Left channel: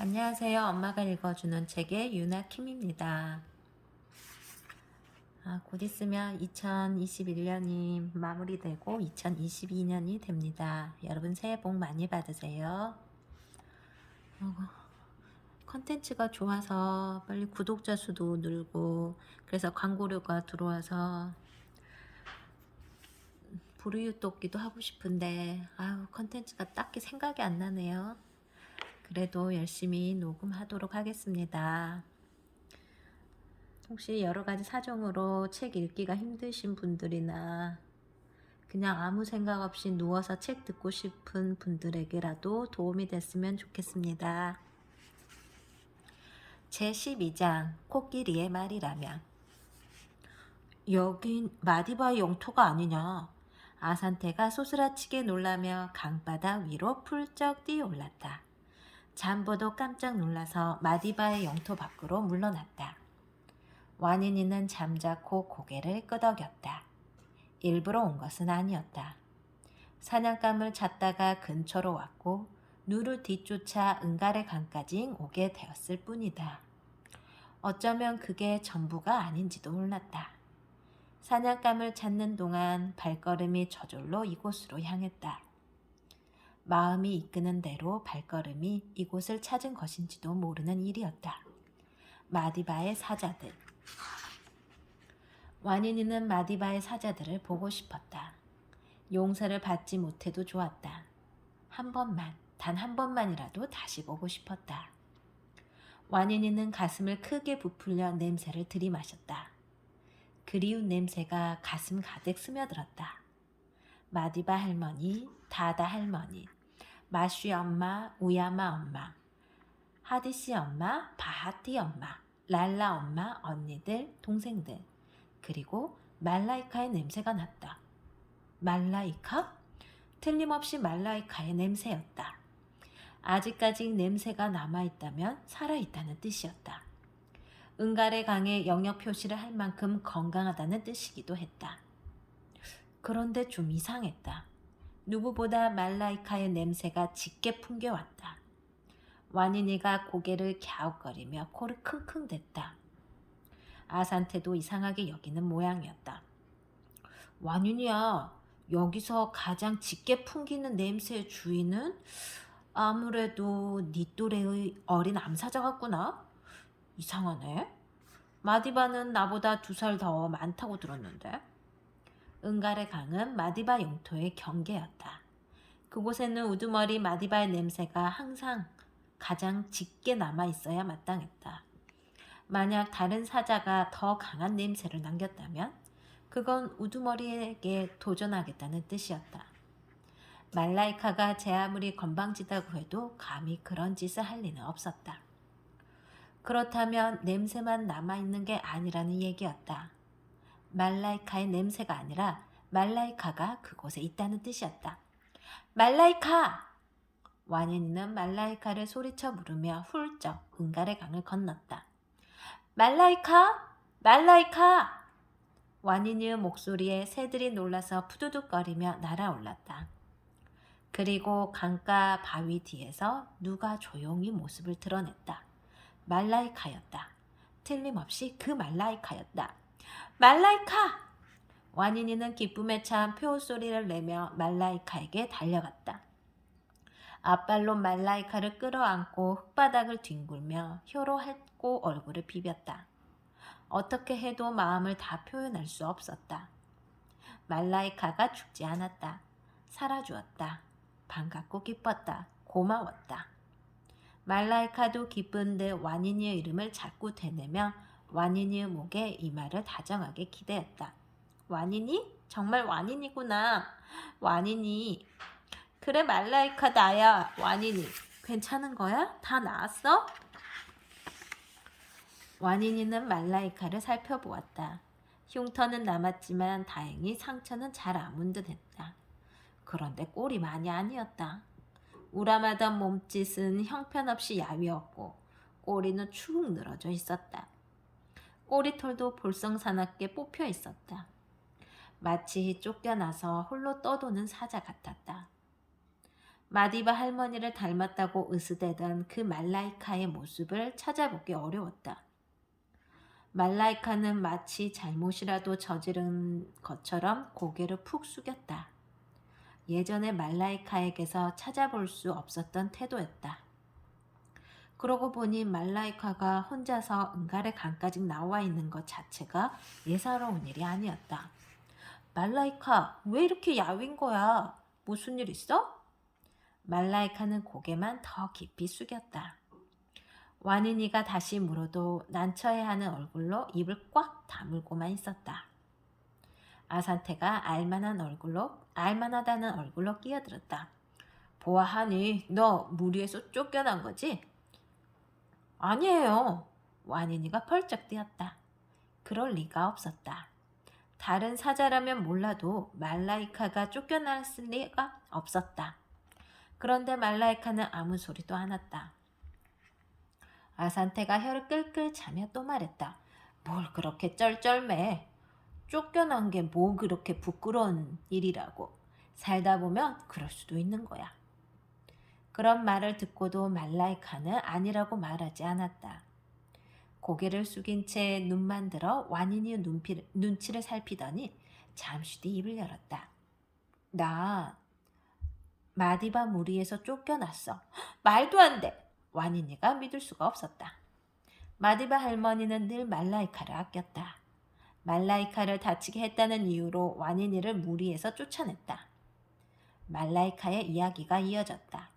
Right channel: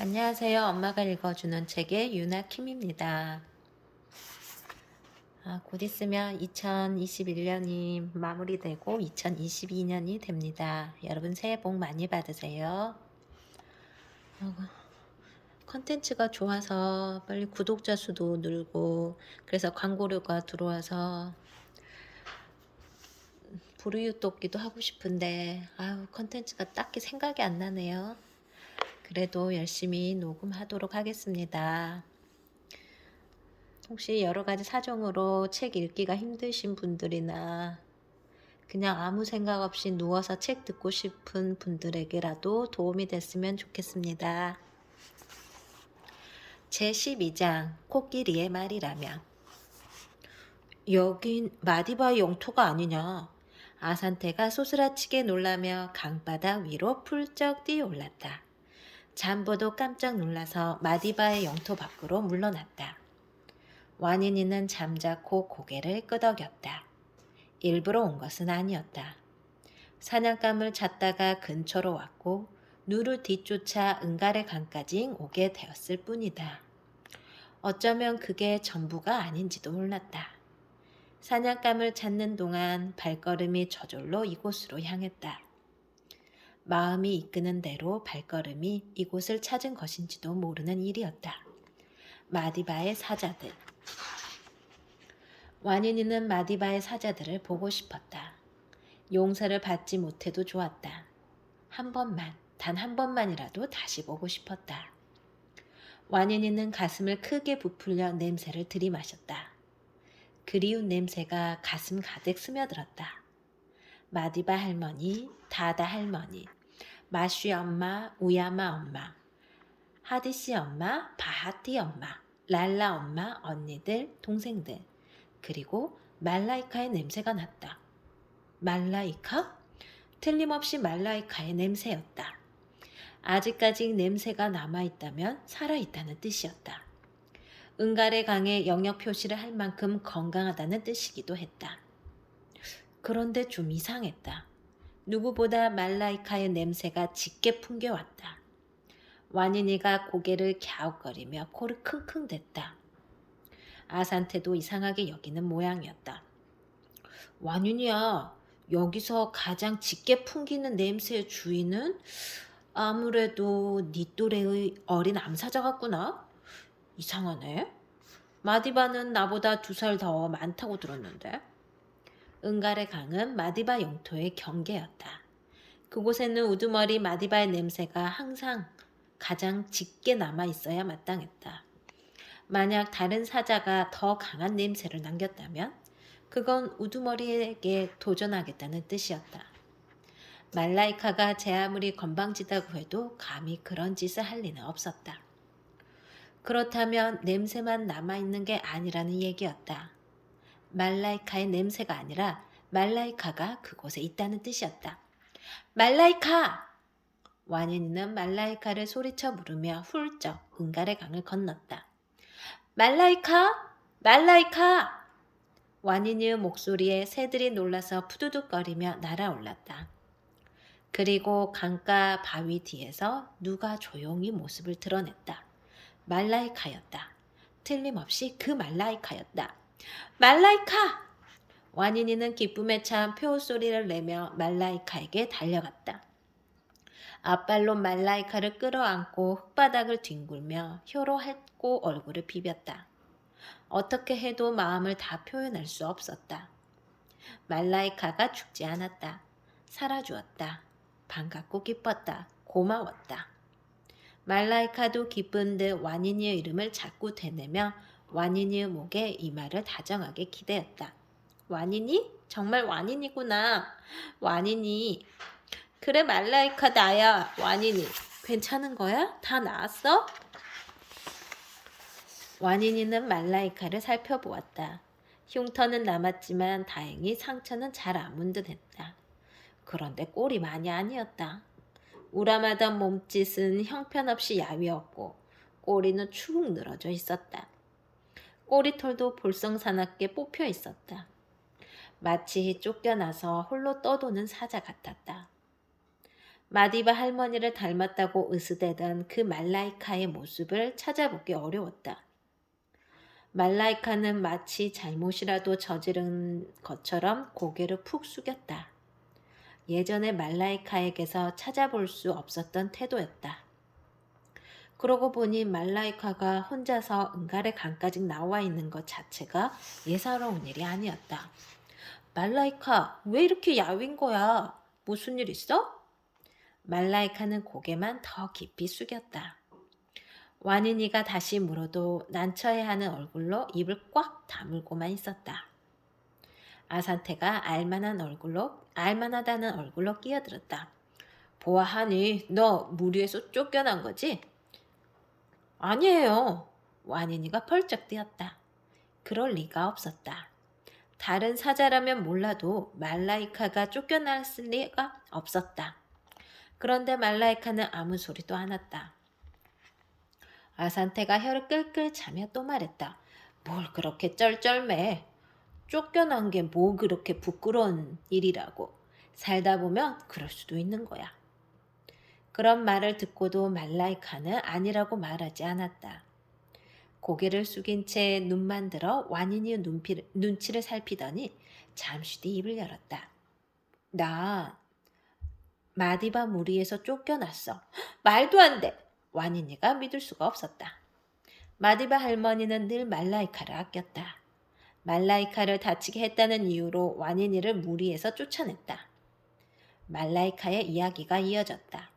안녕하세요. 엄마가 읽어주는 책의 유나킴입니다. 아, 곧 있으면 2021년이 마무리되고 2022년이 됩니다. 여러분 새해 복 많이 받으세요. 어, 컨텐츠가 좋아서 빨리 구독자 수도 늘고 그래서 광고료가 들어와서 부르유 돕기도 하고 싶은데 아유 컨텐츠가 딱히 생각이 안 나네요. 그래도 열심히 녹음하도록 하겠습니다. 혹시 여러 가지 사정으로 책 읽기가 힘드신 분들이나 그냥 아무 생각 없이 누워서 책 듣고 싶은 분들에게라도 도움이 됐으면 좋겠습니다. 제 12장 코끼리의 말이라며 여긴 마디바의 영토가 아니냐 아산테가 소스라치게 놀라며 강바닥 위로 풀쩍 뛰어올랐다. 잠보도 깜짝 놀라서 마디바의 영토 밖으로 물러났다. 와니니는 잠자코 고개를 끄덕였다. 일부러 온 것은 아니었다. 사냥감을 찾다가 근처로 왔고 누를 뒤쫓아 은갈의 강까지 오게 되었을 뿐이다. 어쩌면 그게 전부가 아닌지도 몰랐다. 사냥감을 찾는 동안 발걸음이 저절로 이곳으로 향했다. 마음이 이끄는 대로 발걸음이 이곳을 찾은 것인지도 모르는 일이었다. 마디바의 사자들. 와니니는 마디바의 사자들을 보고 싶었다. 용서를 받지 못해도 좋았다. 한 번만, 단 한 번만이라도 다시 보고 싶었다. 와니니는 가슴을 크게 부풀려 냄새를 들이마셨다. 그리운 냄새가 가슴 가득 스며들었다. 마디바 할머니, 다다 할머니, 마쉬 엄마, 우야마 엄마, 하디씨 엄마, 바하티 엄마, 랄라 엄마, 언니들, 동생들, 그리고 말라이카의 냄새가 났다. 말라이카? 틀림없이 말라이카의 냄새였다. 아직까지 냄새가 남아있다면 살아있다는 뜻이었다. 은갈의 강에 영역 표시를 할 만큼 건강하다는 뜻이기도 했다. 그런데 좀 이상했다. 누구보다 말라이카의 냄새가 짙게 풍겨왔다. 와니니가 고개를 갸웃거리며 코를 킁킁댔다. 아산테도 이상하게 여기는 모양이었다. 와니니야, 여기서 가장 짙게 풍기는 냄새의 주인은 아무래도 니 또래의 어린 암사자 같구나. 이상하네. 마디바는 나보다 두 살 더 많다고 들었는데. 은갈의 강은 마디바 영토의 경계였다. 그곳에는 우두머리 마디바의 냄새가 항상 가장 짙게 남아 있어야 마땅했다. 만약 다른 사자가 더 강한 냄새를 남겼다면 그건 우두머리에게 도전하겠다는 뜻이었다. 말라이카가 제 아무리 건방지다고 해도 감히 그런 짓을 할 리는 없었다. 그렇다면 냄새만 남아있는 게 아니라는 얘기였다. 말라이카의 냄새가 아니라 말라이카가 그곳에 있다는 뜻이었다. 말라이카! 와니니는 말라이카를 소리쳐 부르며 훌쩍 은갈의 강을 건넜다. 말라이카! 말라이카! 와니니의 목소리에 새들이 놀라서 푸두둑거리며 날아올랐다. 그리고 강가 바위 뒤에서 누가 조용히 모습을 드러냈다. 말라이카였다. 틀림없이 그 말라이카였다. 말라이카! 와니니는 기쁨에 찬 표호 소리를 내며 말라이카에게 달려갔다. 앞발로 말라이카를 끌어안고 흙바닥을 뒹굴며 혀로 핥고 얼굴을 비볐다. 어떻게 해도 마음을 다 표현할 수 없었다. 말라이카가 죽지 않았다. 살아주었다. 반갑고 기뻤다. 고마웠다. 말라이카도 기쁜 듯 와니니의 이름을 자꾸 되뇌며 와니니의 목에 이 말을 다정하게 기대었다. 와니니? 정말 와니니구나. 와니니. 그래 말라이카 나야. 와니니. 괜찮은 거야? 다 나았어? 와니니는 말라이카를 살펴보았다. 흉터는 남았지만 다행히 상처는 잘 아문 듯했다. 그런데 꼴이 많이 아니었다. 우람하던 몸짓은 형편없이 야위었고 꼬리는 축 늘어져 있었다. 꼬리털도 볼썽사납게 뽑혀 있었다. 마치 쫓겨나서 홀로 떠도는 사자 같았다. 마디바 할머니를 닮았다고 으스대던 그 말라이카의 모습을 찾아보기 어려웠다. 말라이카는 마치 잘못이라도 저지른 것처럼 고개를 푹 숙였다. 예전에 말라이카에게서 찾아볼 수 없었던 태도였다. 그러고 보니 말라이카가 혼자서 은갈의 강까지 나와 있는 것 자체가 예사로운 일이 아니었다. 말라이카, 왜 이렇게 야윈 거야? 무슨 일 있어? 말라이카는 고개만 더 깊이 숙였다. 와니니가 다시 물어도 난처해하는 얼굴로 입을 꽉 다물고만 있었다. 아산테가 알만한 얼굴로 알만하다는 얼굴로 끼어들었다. 보아하니 너 무리에서 쫓겨난 거지? 아니에요. 와니니가 펄쩍 뛰었다. 그럴 리가 없었다. 다른 사자라면 몰라도 말라이카가 쫓겨났을 리가 없었다. 그런데 말라이카는 아무 소리도 안 했다. 아산테가 혀를 끌끌 차며 또 말했다. 뭘 그렇게 쩔쩔매. 쫓겨난 게 뭐 그렇게 부끄러운 일이라고. 살다 보면 그럴 수도 있는 거야. 그런 말을 듣고도 말라이카는 아니라고 말하지 않았다. 고개를 숙인 채 눈만 들어 완인이 눈피, 눈치를 살피더니 잠시 뒤 입을 열었다. 나 마디바 무리에서 쫓겨났어. 말도 안 돼. 와니니가 믿을 수가 없었다. 마디바 할머니는 늘 말라이카를 아꼈다. 말라이카를 다치게 했다는 이유로 와니니를 무리에서 쫓아냈다. 말라이카의 이야기가 이어졌다.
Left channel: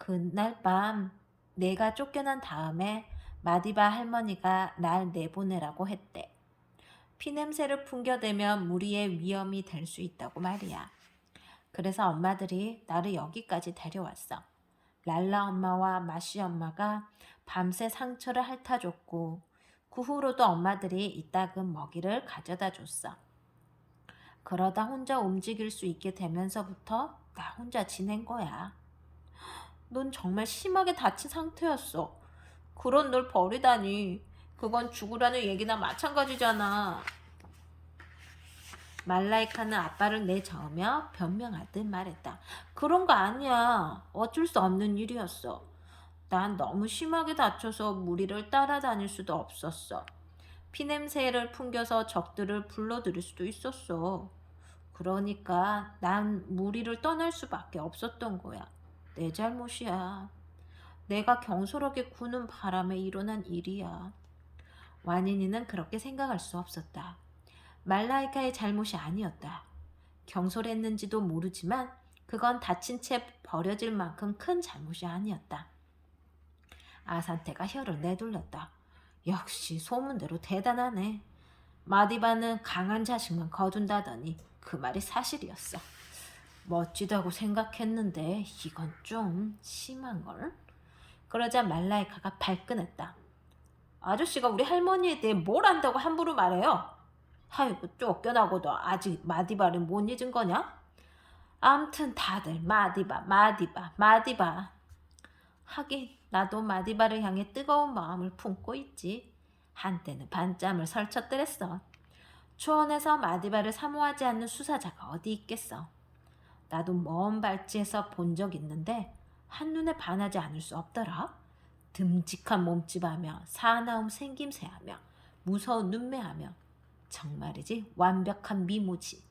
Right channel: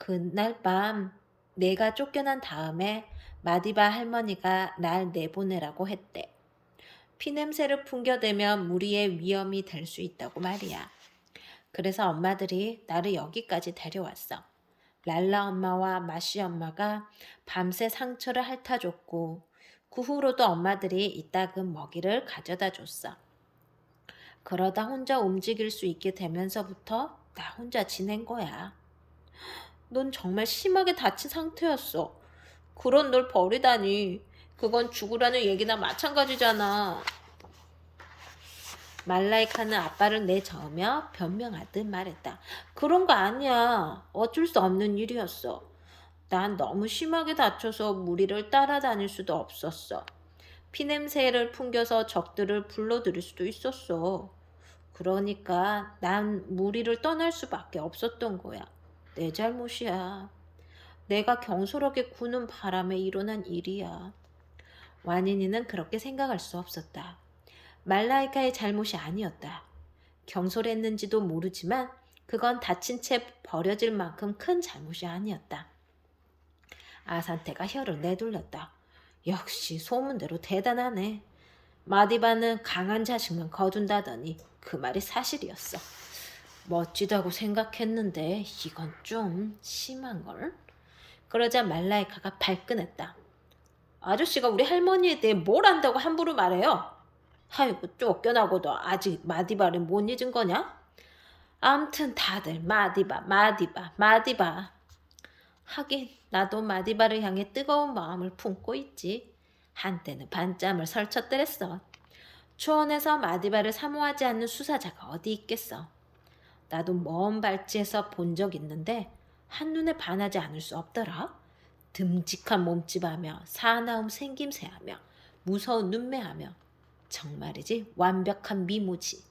그날 밤 내가 쫓겨난 다음에 마디바 할머니가 날 내보내라고 했대. 피냄새를 풍겨대면 무리의 위험이 될 수 있다고 말이야. 그래서 엄마들이 나를 여기까지 데려왔어. 랄라 엄마와 마시 엄마가 밤새 상처를 핥아줬고 그 후로도 엄마들이 이따금 먹이를 가져다 줬어. 그러다 혼자 움직일 수 있게 되면서부터 나 혼자 지낸 거야. 넌 정말 심하게 다친 상태였어. 그런 널 버리다니. 그건 죽으라는 얘기나 마찬가지잖아. 말라이카는 아빠를 내저으며 변명하듯 말했다. 그런 거 아니야. 어쩔 수 없는 일이었어. 난 너무 심하게 다쳐서 무리를 따라다닐 수도 없었어. 피냄새를 풍겨서 적들을 불러들일 수도 있었어. 그러니까 난 무리를 떠날 수밖에 없었던 거야. 내 잘못이야. 내가 경솔하게 구는 바람에 일어난 일이야. 와니니는 그렇게 생각할 수 없었다. 말라이카의 잘못이 아니었다. 경솔했는지도 모르지만 그건 다친 채 버려질 만큼 큰 잘못이 아니었다. 아산테가 혀를 내돌렸다. 역시 소문대로 대단하네. 마디바는 강한 자식만 거둔다더니 그 말이 사실이었어. 멋지다고 생각했는데 이건 좀 심한걸? 그러자 말라이카가 발끈했다. 아저씨가 우리 할머니에 대해 뭘 안다고 함부로 말해요? 아이고 쫓겨나고도 아직 마디바를 못 잊은 거냐? 암튼 다들 마디바 마디바 마디바 하긴 나도 마디바를 향해 뜨거운 마음을 품고 있지 한때는 반짬을 설쳤더랬어 초원에서 마디바를 사모하지 않는 수사자가 어디 있겠어 나도 먼 발치에서 본 적 있는데 한눈에 반하지 않을 수 없더라 듬직한 몸집하며 사나움 생김새하며 무서운 눈매하며 정말이지 완벽한 미모지.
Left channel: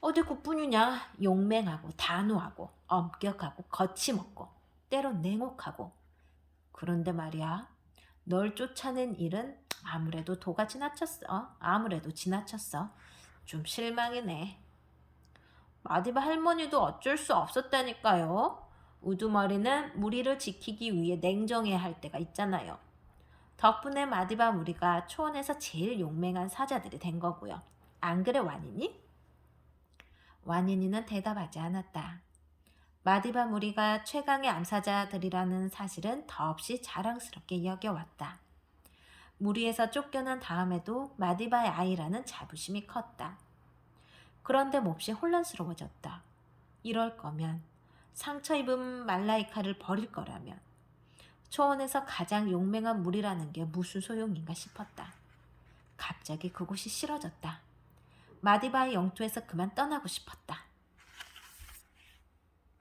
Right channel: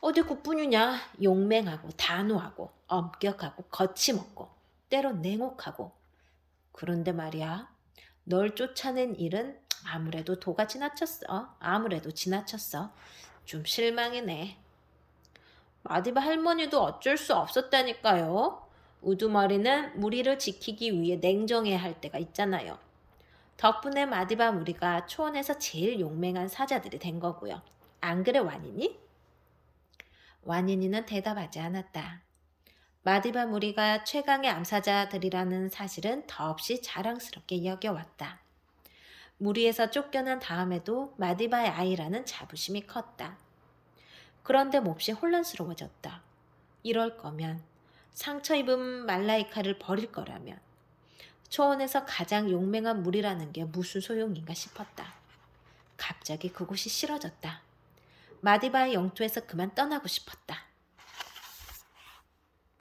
어디 그뿐이냐? 용맹하고 단호하고 엄격하고 거침없고 때로 냉혹하고 그런데 말이야 널 쫓아낸 일은 아무래도 도가 지나쳤어. 아무래도 지나쳤어. 좀 실망이네. 마디바 할머니도 어쩔 수 없었다니까요. 우두머리는 무리를 지키기 위해 냉정해야 할 때가 있잖아요. 덕분에 마디바 무리가 초원에서 제일 용맹한 사자들이 된 거고요. 안 그래 와니니? 와니니는 대답하지 않았다. 마디바 무리가 최강의 암사자들이라는 사실은 더없이 자랑스럽게 여겨왔다. 무리에서 쫓겨난 다음에도 마디바의 아이라는 자부심이 컸다. 그런데 몹시 혼란스러워졌다. 이럴 거면 상처 입은 말라이카를 버릴 거라면 초원에서 가장 용맹한 물이라는 게 무슨 소용인가 싶었다. 갑자기 그곳이 싫어졌다. 마디바의 영토에서 그만 떠나고 싶었다.